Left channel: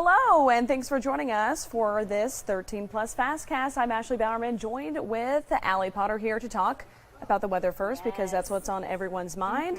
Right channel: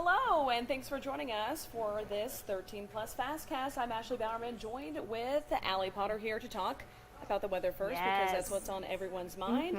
Hello, and thanks for joining us for this 13 Plus FastCast. I'm Ashley Bowerman, joined with Allie Potter here to talk about the weather first, because that's what's on everyone's mind.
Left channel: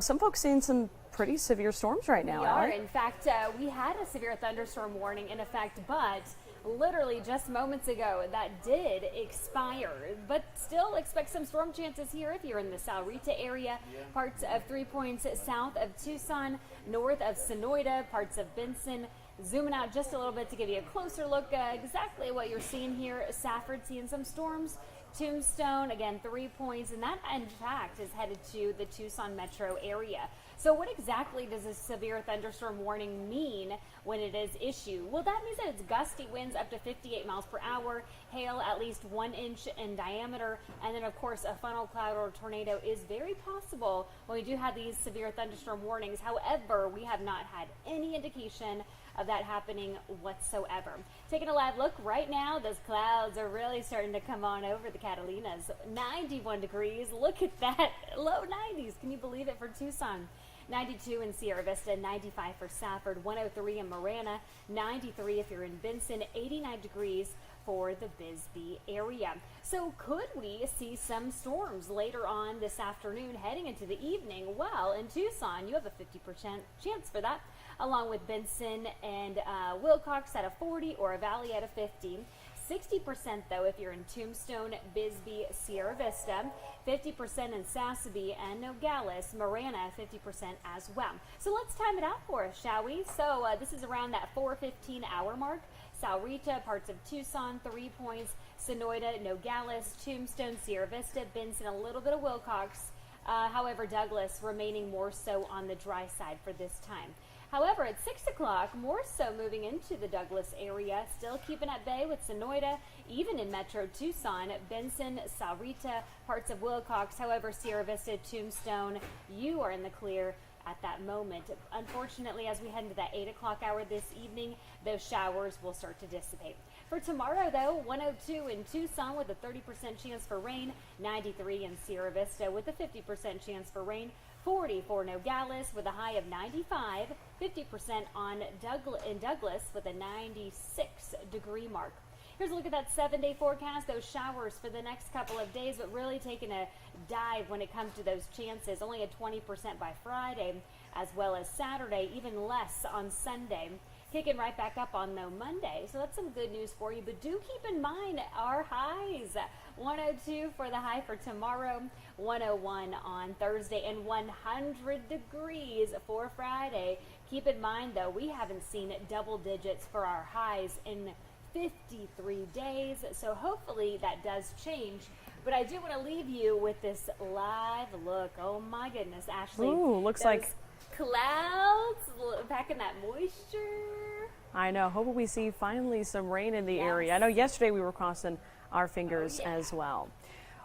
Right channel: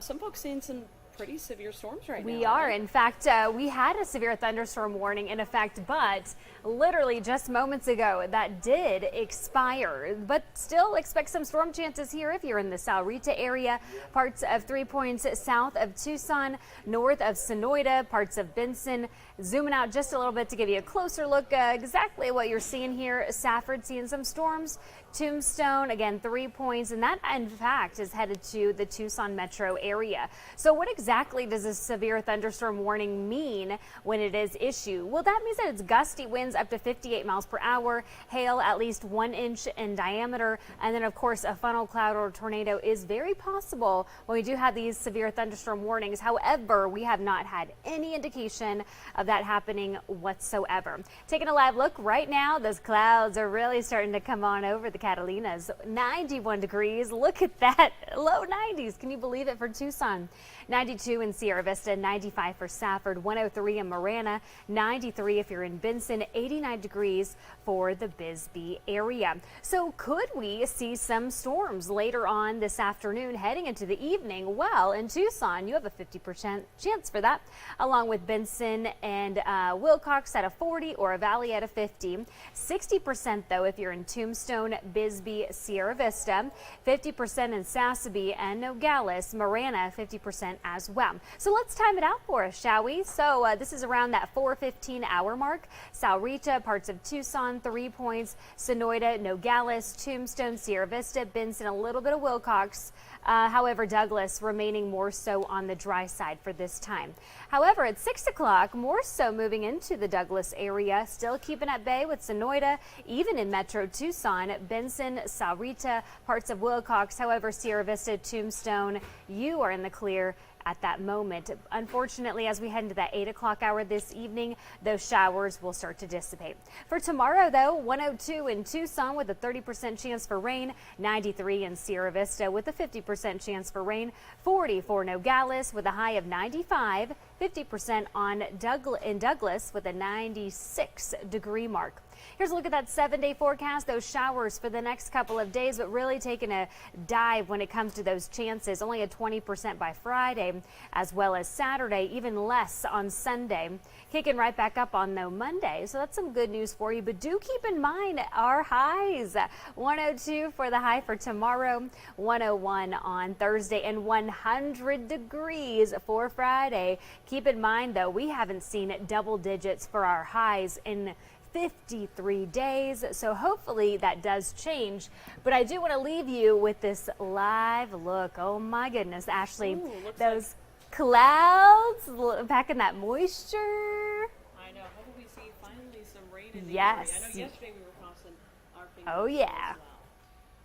Some folks seeing some pretty severe storms right now. We are. In fact, we had a severe thunderstorm warning in effect, but literally just moments ago that did expire. But still expect some storm chances here if you're in the Sahuarita area, parts of 3 Points south of Tucson, north of Sonoita, parts of Benson. Zooming out just a little bit to give you a closer look exactly what you're seeing here. Safford seeing some storms. Tombstone, again, 3 Points, and that, in fact, is headed to the Tucson metro area. So what exactly does a severe thunderstorm warning mean when it is issued? Well, that means that it's gusty winds up to 58 miles per hour, hail at least 1 inch in diameter, and then, of course, a funnel cloud or tornado is very possible when we do have these severe thunderstorm warnings. However, we have not had any indication of that happening whatsoever. Taking a live look right now, those clouds are really starting to come on over the Catalinas. 91 degrees. Look at that. Low 90s. Can you believe it for Tucson? 92 in Sierra Vista, 95 for Safford, 103 in Marana, 93 if you're in Benson, 89 degrees for the Bisbee area. So could we see some storms later on this afternoon heading into the evening? Well, in Tucson, you have a 50% chance for that, along with Benson and Wilcox at a 40 or a Valley at a 50. 60% though if you're in Tombstone, Bisbee, Sierra Vista, 50% in Sassabee and Nogales, Marana 50% as well. So let's time it out for us, shall we? So this is around that 4:15 hour mark. Sahuarita, parts of Tucson, 3 Points, Sonoita, Nogales, Tombstone, Sierra Vista, Benson, a little bit of Wilcox. However, Douglas remaining more so on the dry side for this time. However, at 6 o'clock, more so moving into the Douglas area, still keeping at bay with Sonoita, even in Metro Tucson, Benson, Sahuarita, parts of Wilcox. However, Sierra Vista, Tombstone, you are in the clear at that moment. Unfortunately, as we head into that 8 o'clock hour this evening, those showers will start to dissipate. For tomorrow, though, 102 in Tucson with a 30% chance for rain, 93 in Sierra Vista with a 50% chance for rain, 40 for Nogales with a high of 95, 50% in Douglas with a 96 degree mark. Here's a look at that 7-day forecast. Those showers for the next couple of days, but really taking a dive when it comes to those chances. Only a 20% by Friday, as well as Saturday, even less on Sunday. Kicking right back up on Monday. So that's some good news for you. But do keep in mind our highs. 102 for the high for tomorrow, 101 on Thursday, and 100 degrees for Friday. Keep in mind, though, we haven't seen double digits for our highs in 53 days, so hopefully that does change. But I do want to leave you with this live look. Oh my goodness, Ashley. Ooh, looks those like clouds packing that moisture. I know. Hopefully we see finally some rain in the area. I know yesterday we were crossing our fingers as well.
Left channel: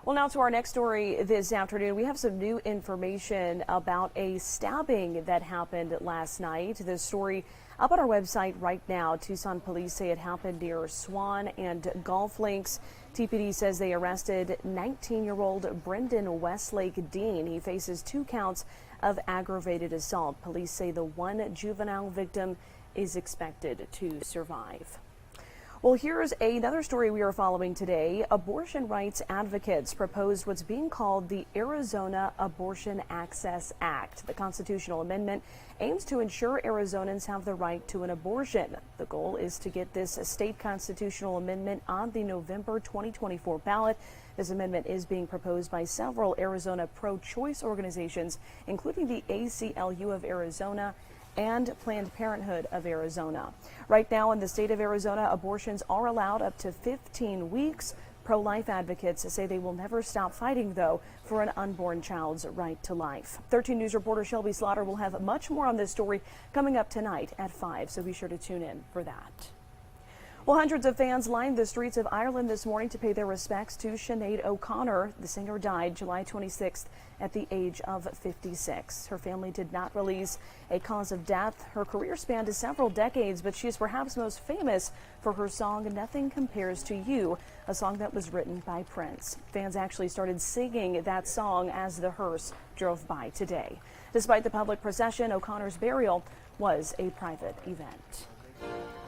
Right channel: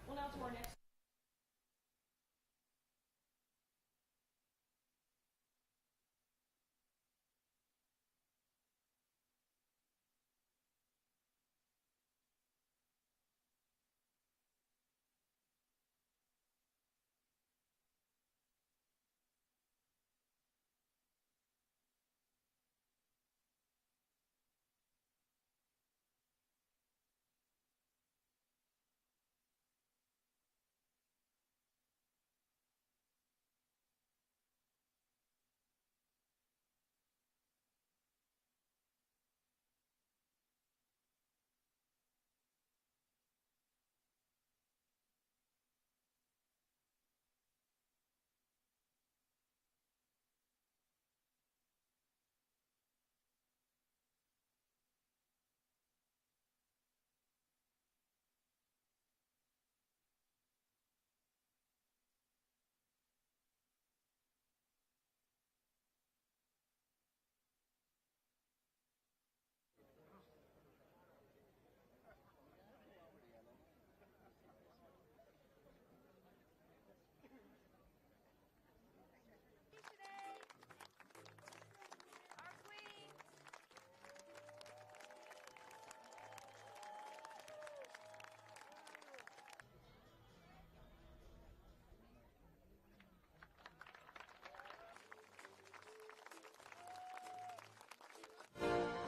Well, now to our next story this afternoon. We have some new information about a stabbing that happened last night. The story up on our website right now. Tucson police say it happened near Swan and Golf Links. TPD says they arrested 19-year-old Brendan Westlake Dean. He faces 2 counts of aggravated assault. Police say the one juvenile victim is expected to survive. Well, here's another story we are following today. Abortion rights advocates proposed what's being called the Arizona Abortion Access Act. The constitutional amendment aims to ensure Arizonans have the right to an abortion. The goal is to get this state constitutional amendment on the November 2024 ballot. This amendment is being proposed by several Arizona pro-choice organizations, including the ACLU of Arizona and Planned Parenthood of Arizona. Right now in the state of Arizona, abortions are allowed up to 15 weeks. Pro-life advocates say they will never stop fighting, though, for an unborn child's right to life. 13 News reporter Shelby Slaughter will have much more on this story coming up tonight at 5, so be sure to tune in for that. Well, hundreds of fans lined the streets of Ireland this morning to pay their respects to Sinead OConnor. The singer died July 26th at the age of 56. Her family did not release a cause of death. Her career spanned several decades, but she is perhaps most famous for her song Nothing Compares to You, a song that was written by Prince. Fans actually started singing that song as the hearse drove by today. Despite the public procession, O'Connor's burial was a private event.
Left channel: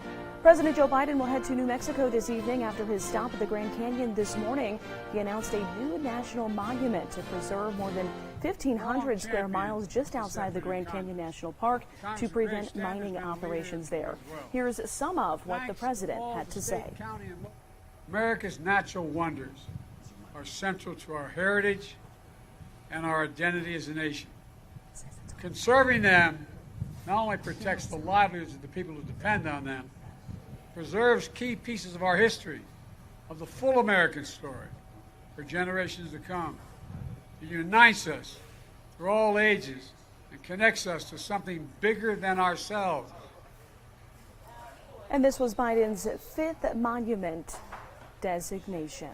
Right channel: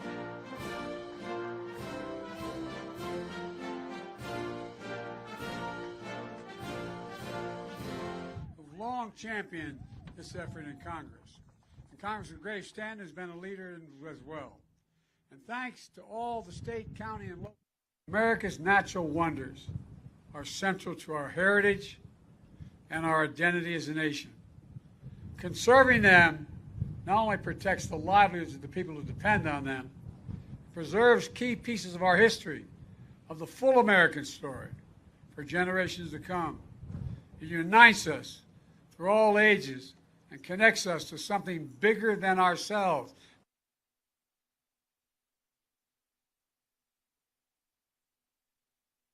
President Joe Biden will head to New Mexico this evening after his stop at the Grand Canyon this morning. He announced a new national monument to preserve more than 1,500 square miles just outside the Grand Canyon National Park to prevent mining operations there. Here's some of what the president had to say. America's natural wonders are central to our heritage and our identity as a nation. Conserving them not only protects the livelihoods of the people who depend on them, preserves key pieces of our history, of the full American story, for generations to come. It unites us through all ages and connects us to something bigger than ourselves. And this was Biden's 5th monument designation.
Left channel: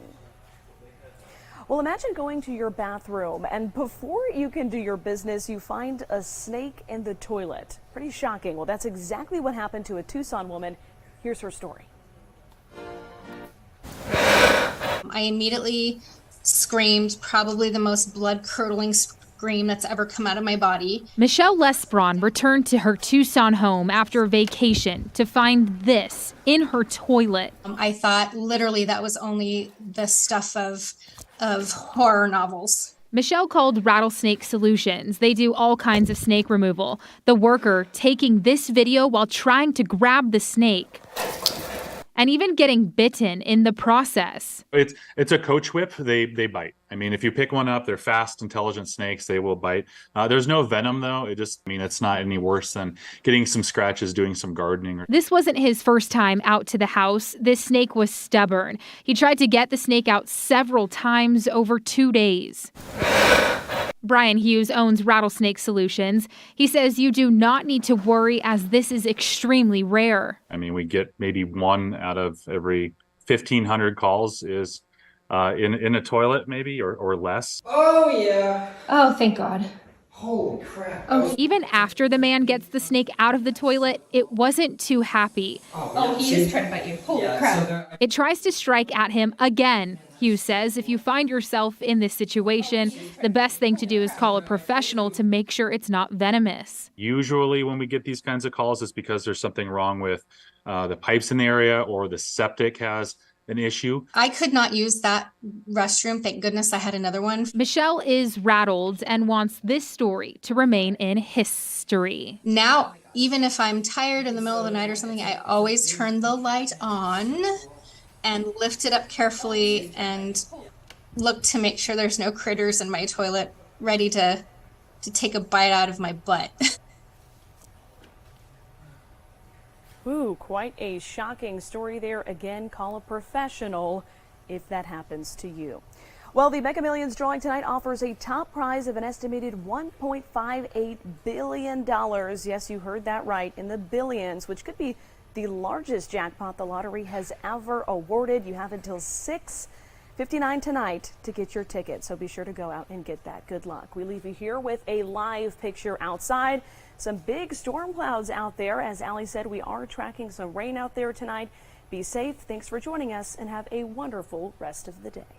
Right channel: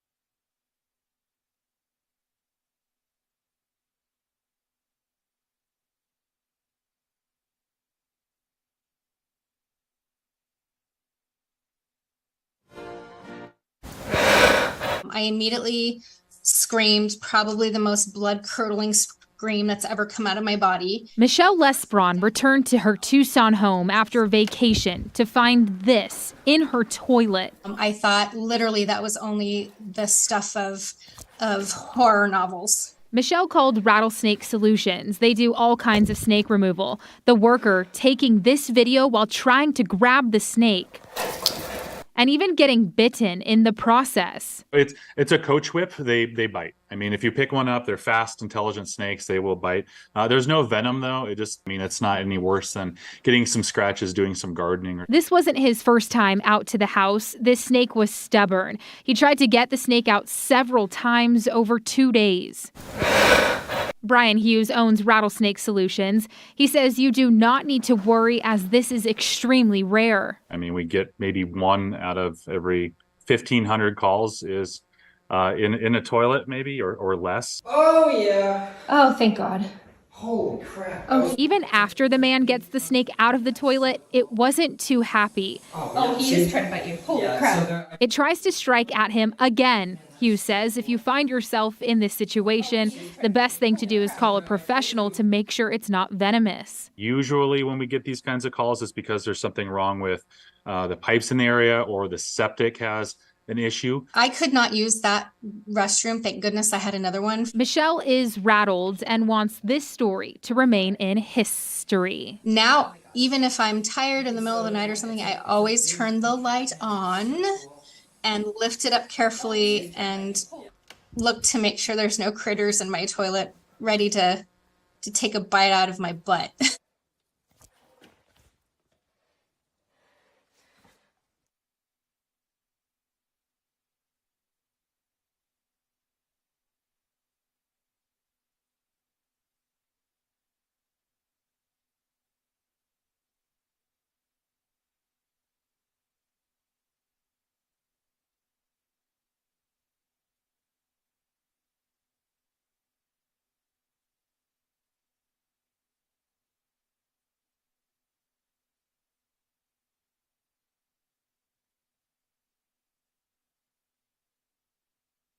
Well, imagine going to your bathroom and before you can do your business, you find a snake in the toilet. Pretty shocking. Well, that's exactly what happened to a Tucson woman. Here's her story. I immediately screamed, probably the most blood-curdling scream that's ever come out of my body. Michelle Lesbron returned to her Tucson home after a vacation to find this in her toilet. I thought literally that was only the stuff of horror novels. Michelle called Rattlesnake Solutions. They do all kinds of snake removal. The worker taking this video while trying to grab the snake and even getting bitten in the process. It's a coach whip. They bite. I mean, if you pick one up, they're fast, intelligent snakes. They will bite. There's no venom, though. It's not any worse than getting some scratches, doing some gardening. This wasn't his first time out to the house. This snake was stubborn. He tried to get the snake out several times over 2 days. Brian Hughes owns Rattlesnake Solutions. He says you do not need to worry as this is extremely rare. I mean, we get maybe 1 out of every 1,500 calls is in a toilet, maybe, or less. Oh, yeah. Oh, thank God. Holy crap. Even after the man gets the snake out of the toilet, it wasn't too happy. He is trying to bite you. Holy crap. It tries to strike at him again. Hughes says if you find yourself in this situation, the best thing to do is call a professional to make sure it's not venomous. Usually when we get these kinds of calls, it's because there's something wrong with the pipes in the area or the septic has an issue. I could not use that restroom. Thank goodness I had another one. Michelle is rattled and wants this story to remain in history. Now, even if I'm tired in the middle of the night or something, I always turn the light on and lift it up carefully and look to make sure there's no critters in my toilet ready to take a bite out of my butt. Ooh, quite a shocking story there. Again, call a professional if that happens to you. Well, the Mega Millions drawing tonight offers a top prize of an estimated $1.58 billion. Yes, you heard that right, in the billions, which could be the largest jackpot the lottery has ever awarded. You have until 6:59 tonight to get your ticket, so be sure to go out and get that. Good luck. We leave you here with a live picture outside. Some big storm clouds out there. As Allie said, we are tracking some rain out there tonight. Be safe. Thanks for joining us and have a wonderful rest of the day.